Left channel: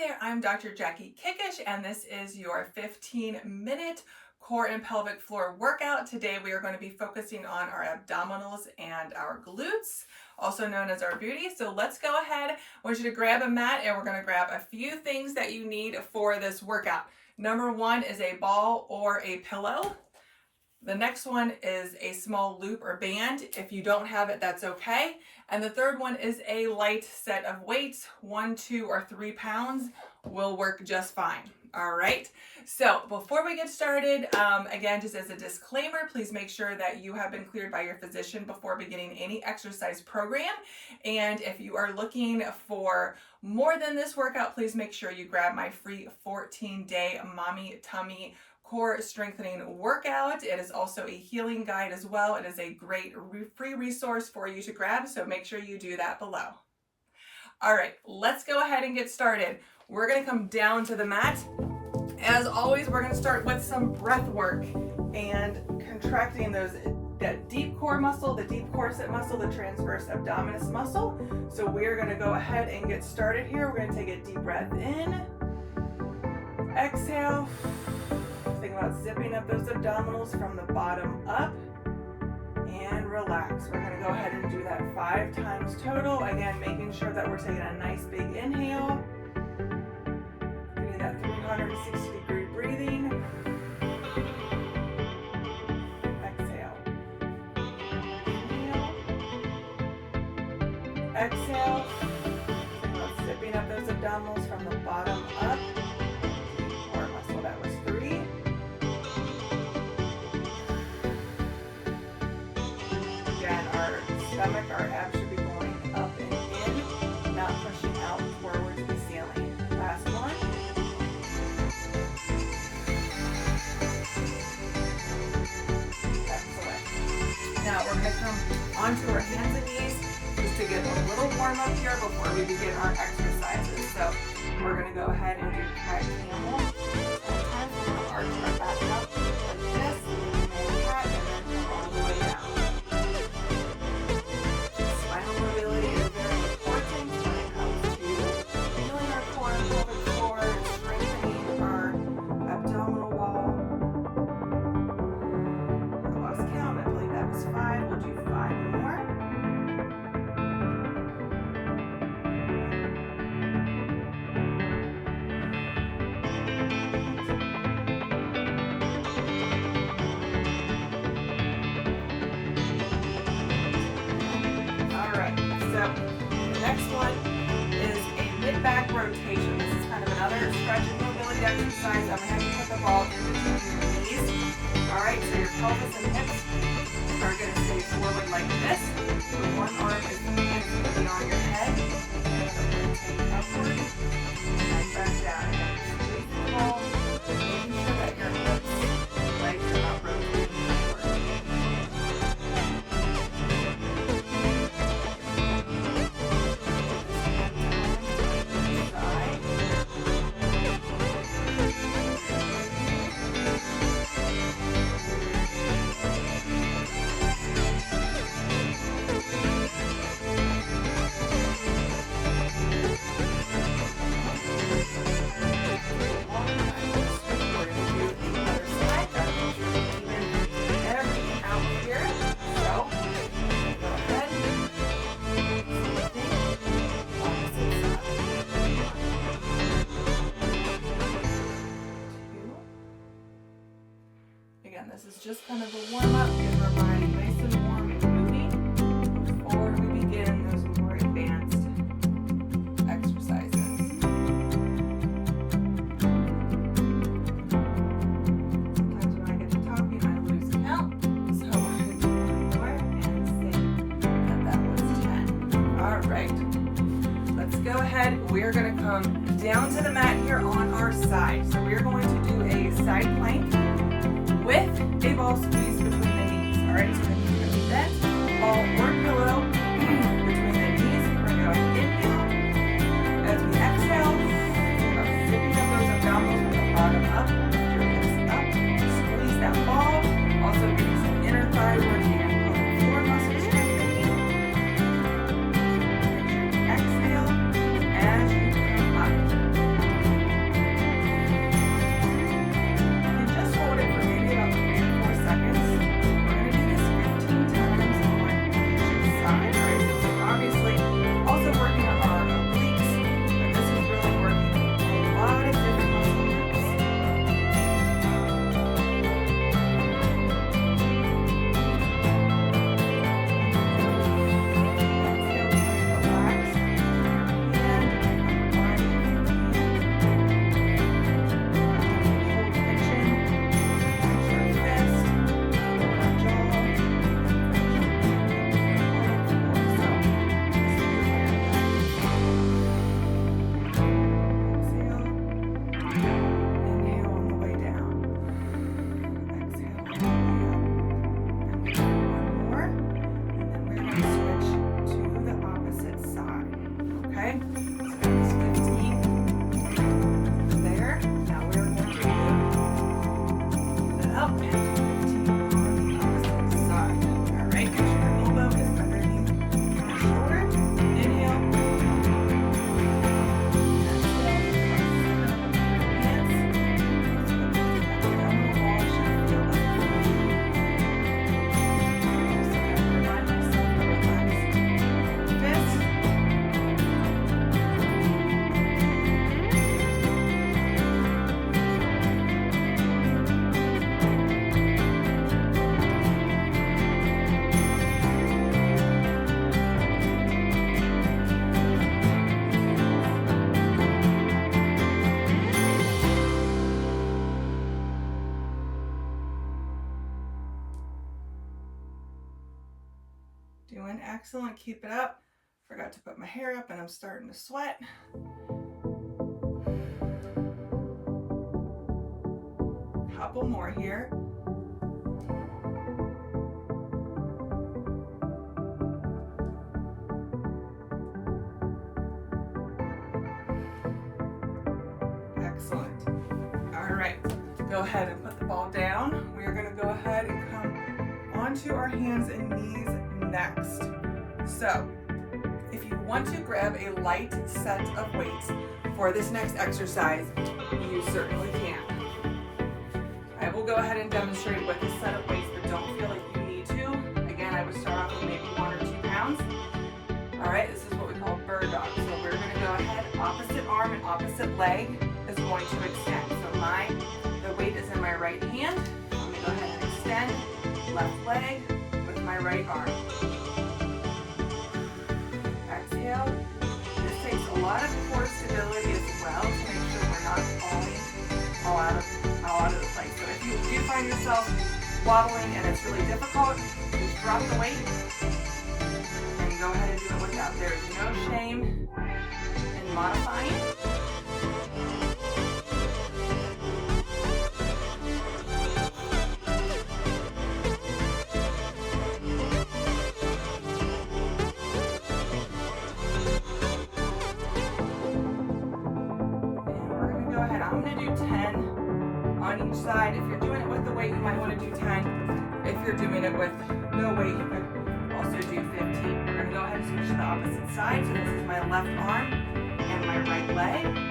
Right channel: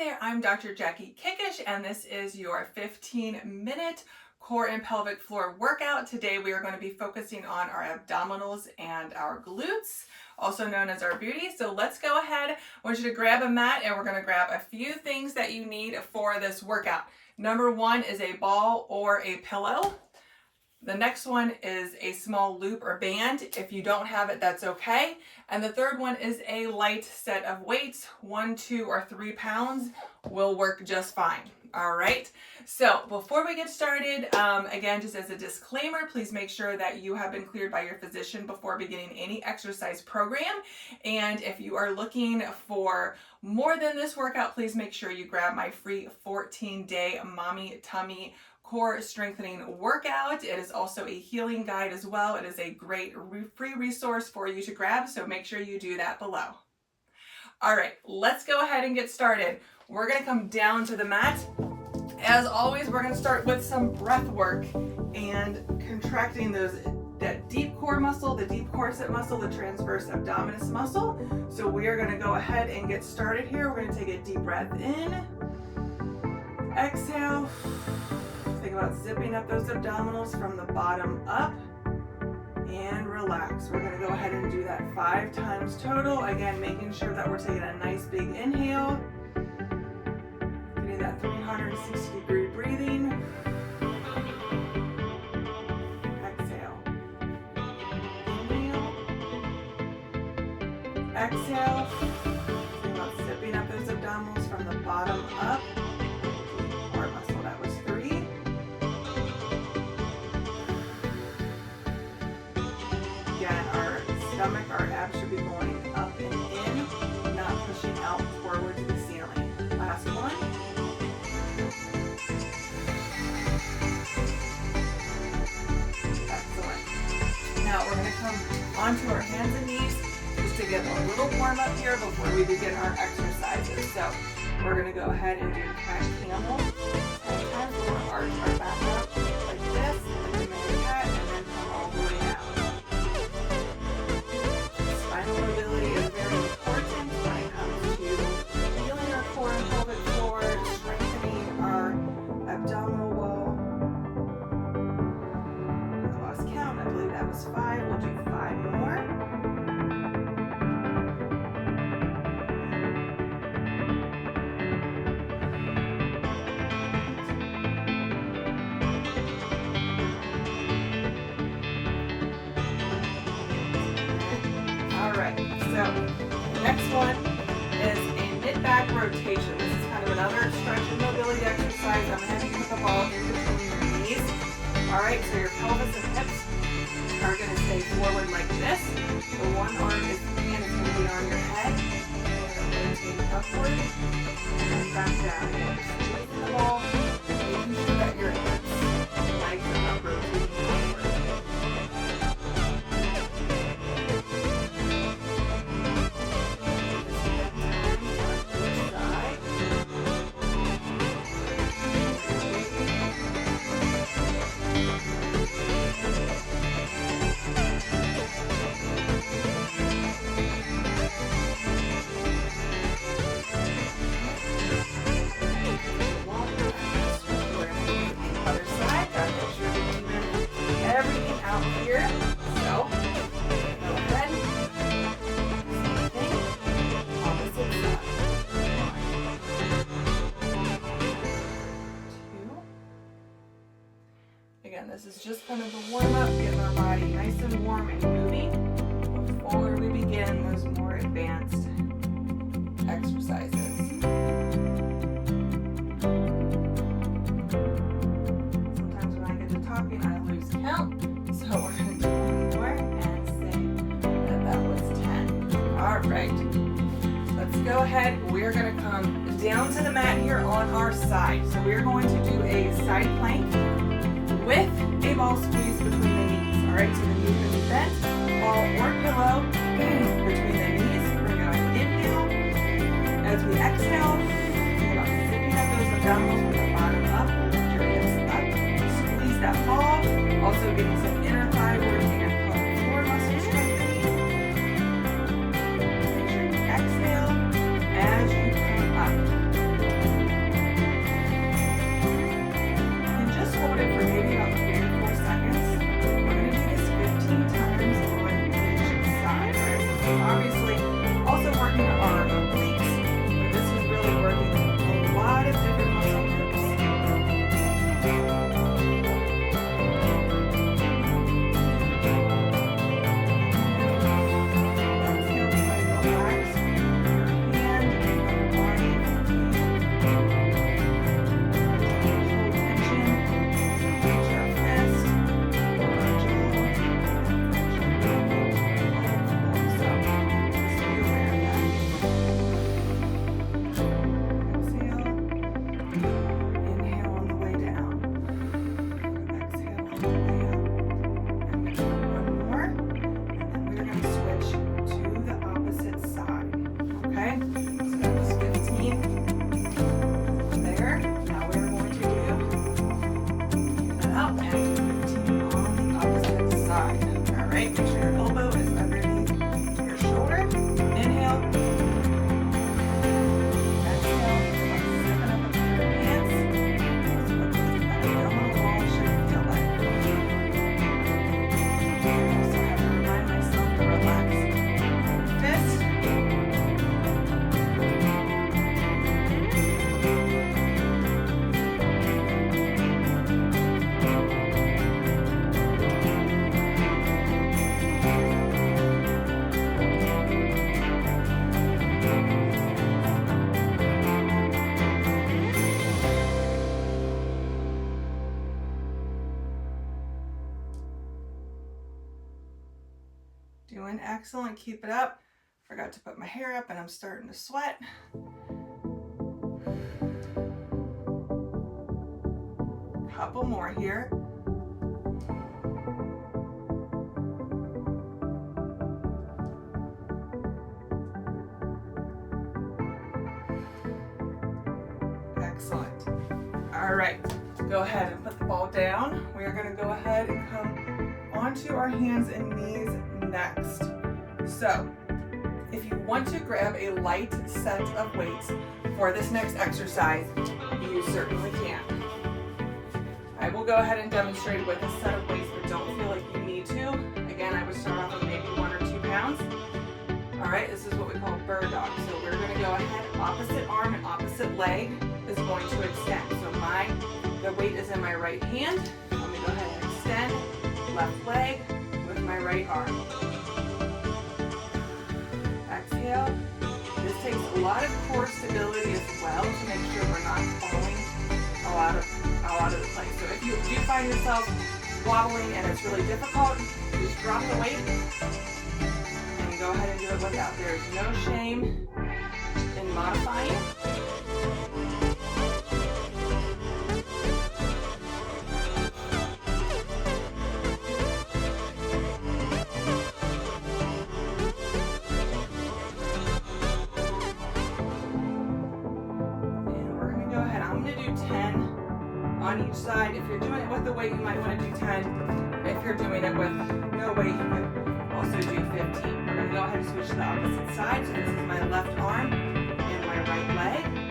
there, I'm Dr. Jackie Kickish, and this is your 15-minute core and pelvic floor workout. Today we are going to be focusing on our abdominals and our glutes, also known as our booty. So let's go ahead. I want you to grab a mat, and we're going to grab a few things that you need for this workout. Number one is a ball or a pillow. The next one is a small loop or band. If you don't have it, that's okay. And the third one is a light set of weights. 1, 2, or 3 pounds will work just fine. All right. So before we get started, again, just as a disclaimer, please make sure that you have been cleared by your physician before beginning any exercise program. And if you are looking for more than this workout, please make sure you grab my free 14-day Mommy Tummy core strengthening workout. It is also a healing guide as well. It is a great free resource for you to grab, so make sure you do that below. All right, let's go ahead and get started. We're gonna come down to the mat. As always, we're gonna start with some breath work and contracting that deep core muscle, the deep corset muscle, the transverse abdominis muscle. So we are gonna go ahead and get started here. We're gonna take a deep breath in, exhale. Think about zipping up those abdominals from the bottom up and relax. We're going to go ahead and do that 5 times total. Again, making sure that we're taking a nice big inhale. Getting that 360-degree breathing. Exhale. Inhale. Exhale. Think about zipping up those abdominals from the bottom up. Core muscle. That was 3. Stomach, our abs should be going up and in, not pushing out forward to the ceiling. Last one. Excellent. Now we're going to come onto our hands and knees just to get a little warm up here before we begin our exercises. So we're going to go ahead and do cat camel. 10 times. We're going to arch our back up like this, and then cat, and then come all the way down. Mobility is very important when it comes to healing our core and pelvic floor, strengthening our abdominal wall. I lost count. I believe that was 5. We'll do 5 more. So the next one is a mid-back rotation. This is kind of another stretch and mobility exercise. I'm going to have you put the ball in between your knees. All right, so your pelvis and hips are going to stay forward like this. The one arm is going to be on your head. You're rotating upward and then back down. Again, just squeezing the ball, making sure that your hips and legs are not rotating upward. This is just kind of the warm up, getting our body nice and warm and moving before we begin those more advanced exercises. Sometimes when I get to talking, I lose count, so we're going to do one more and say that was 10. All right, let's go ahead. We're going to come down to the mat here on our side. So we're going to do a side plank with a ball squeeze between the knees. All right, so the knees can be bent, ball or pillow between the knees. We're going to inhale. As we exhale, we're zipping up those abdominals from the bottom up, your hips up. Squeeze that ball. Also getting some inner thigh working and pelvic floor muscle strengthening. Exhale as you come up. Doing excellent. Keep it up. Forgot to put my hair up and I'm starting to sweat. Couple more here. Excellent. All right, go ahead and put the ball down. We are going to go ahead and come onto our hands and knees next. So if you want to grab a light set of weights for this next exercise, you certainly can. I will go ahead and demonstrate with a set of weights, but don't feel like you need to. Again, I would start off with maybe 1 or 2 pounds. All right, this is what we call bird dog. So we're going to go ahead, opposite arm and opposite leg is going to extend. So the weight is in my right hand. I'm going to go ahead and extend left leg with my right arm. Exhale. This takes a lot of core stability as well to make sure we're not falling all out of the place. So if you do find yourself wobbling and it's really difficult, just drop the weight and go ahead and do it without. There is no shame in modifying. I'm going to do 10 on each side. If you're doing it with the weight, you might want to do 10. If you're doing it with no weight, you can also do 15. We're going to go ahead and switch to the opposite side. So this is my left arm and my right leg.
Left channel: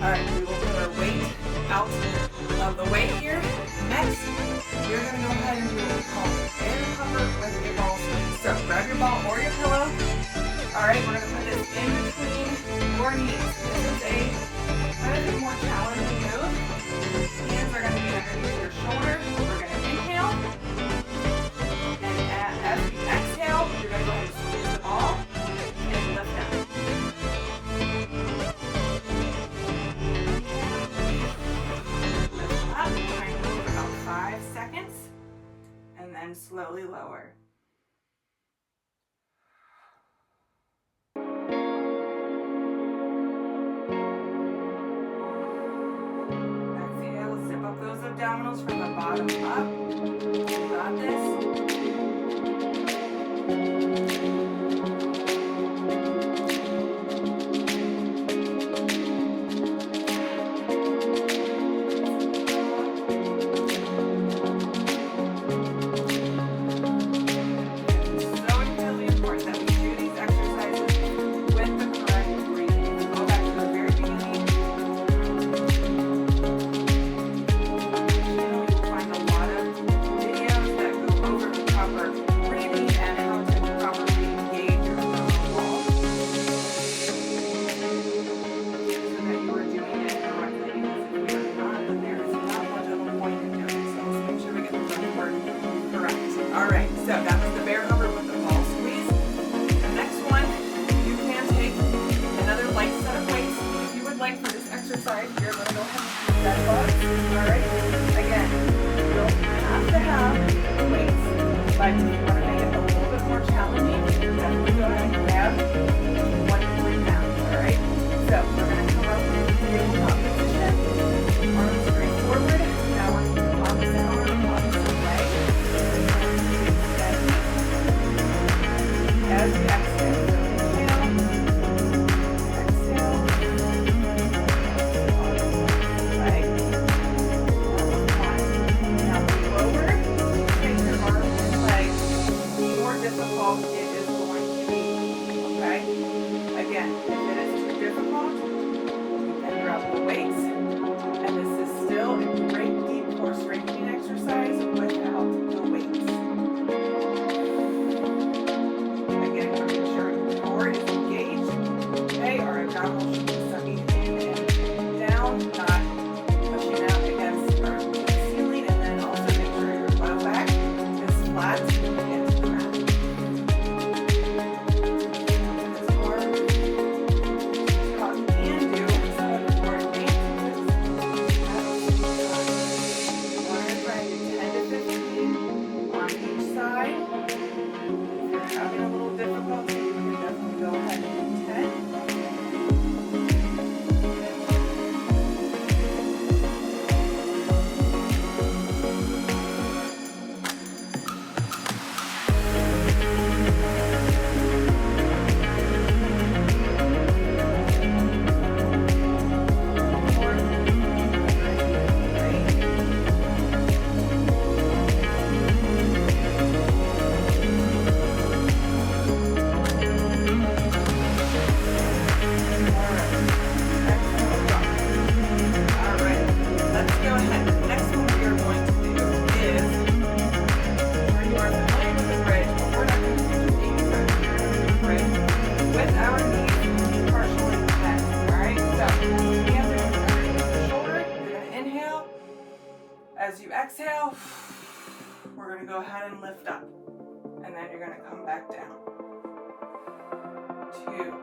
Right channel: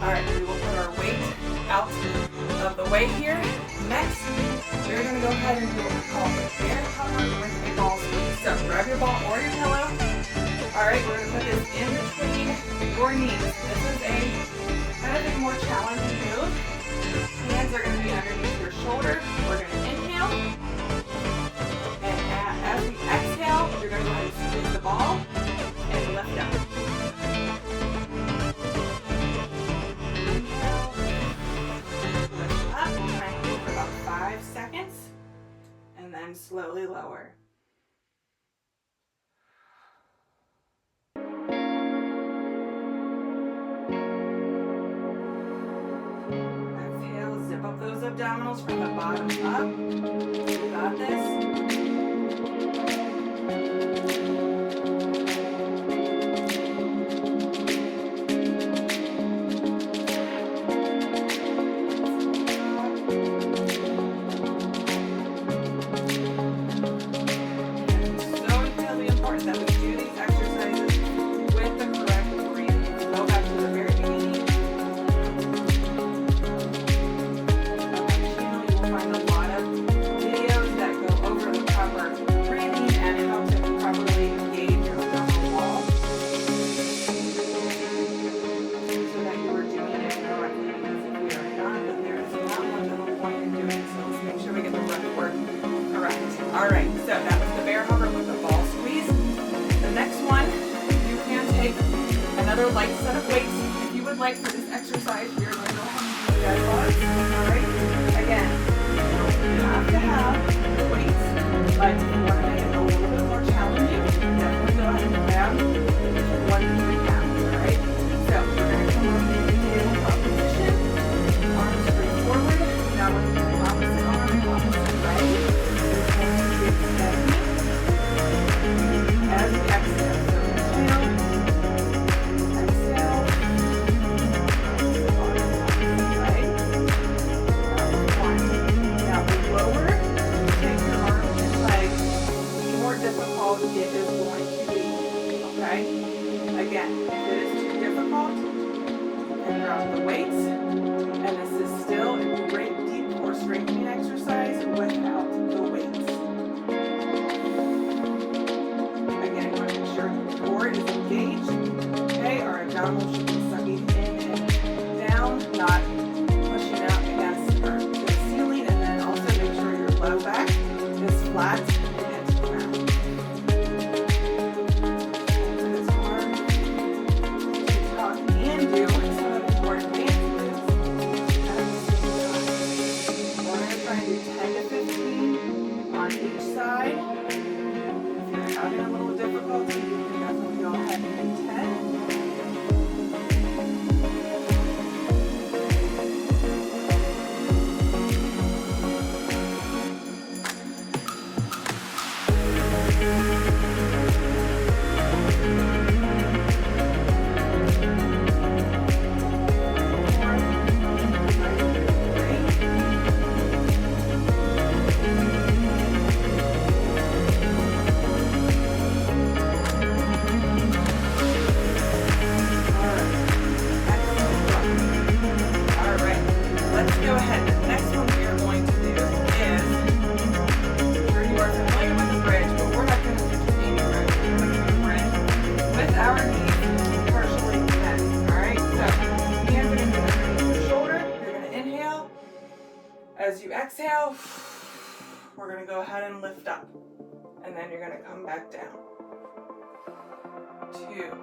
All right, we will put our weight out of the way here. Next, we're going to go ahead and do what we call air cover with a ball squeeze. So grab your ball or your pillow. All right, we're going to put this in between your knees. This is a kind of a more challenging move. Hands are going to be underneath your shoulder. We're going to inhale. And as we exhale, you're going to go ahead and squeeze the ball and lift up. And then slowly lower. Exhale, zip up those abdominals from the bottom up. You got this. Light set of weights. If you would like for this exercise, you're going to go ahead and do dead bugs. Alright? Again, you don't have to have the weights, but if you want to make it a little bit more challenging, definitely go ahead and grab 1 to 3 pounds. Alright? So we're going to come up to tabletop position. Arms straight forward. Now we're going to do opposite arm, opposite leg. Steady. As we exhale. So inhale. Exhale. we're going to go ahead and lift up. And then you're going to come back down. 2.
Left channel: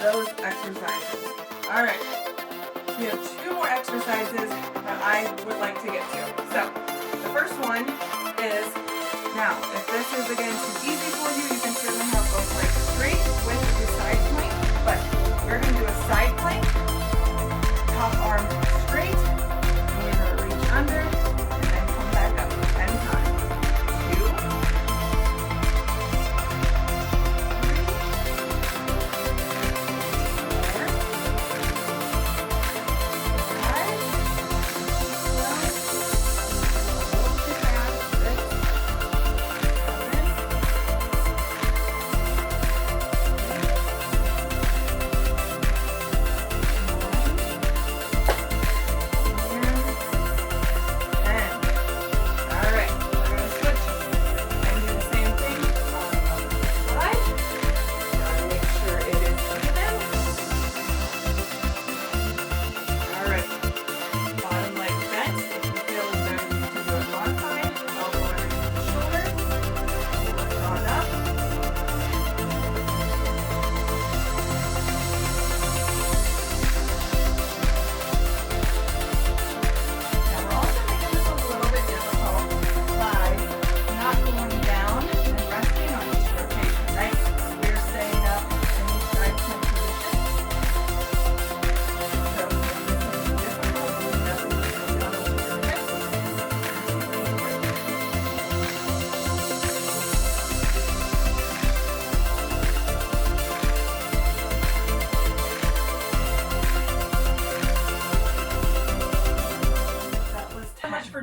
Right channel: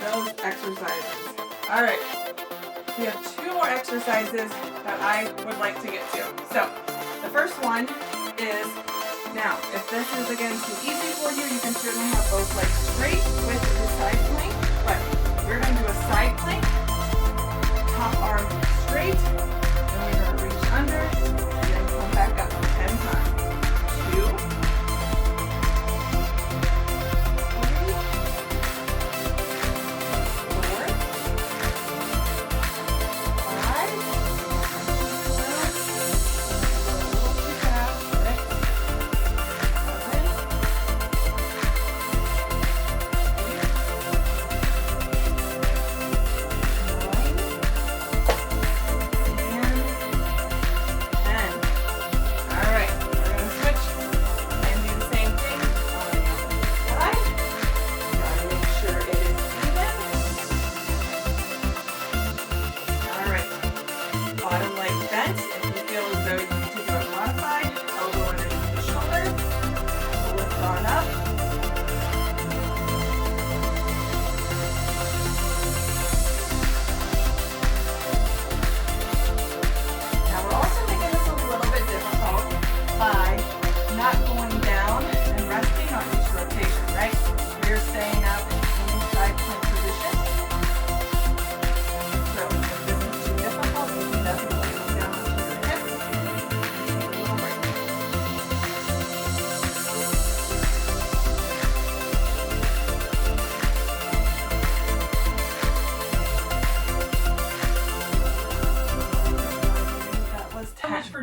Those exercises. All right, we have 2 more exercises that I would like to get to. So the first one is, now if this is again too easy for you, you can certainly have both legs straight with the side plank, but we're going to do a side plank, top arm straight, and we're going to reach under and then come back up 10 times. 2,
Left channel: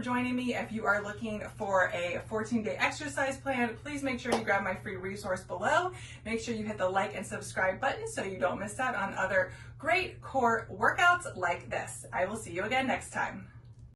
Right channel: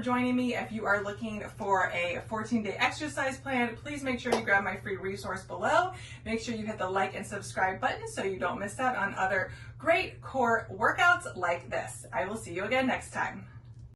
joining me. If you are looking for a 14-day exercise plan, please make sure you grab my free resource below. Make sure you hit the like and subscribe button so you don't miss out on other great core workouts like this. I will see you again next time.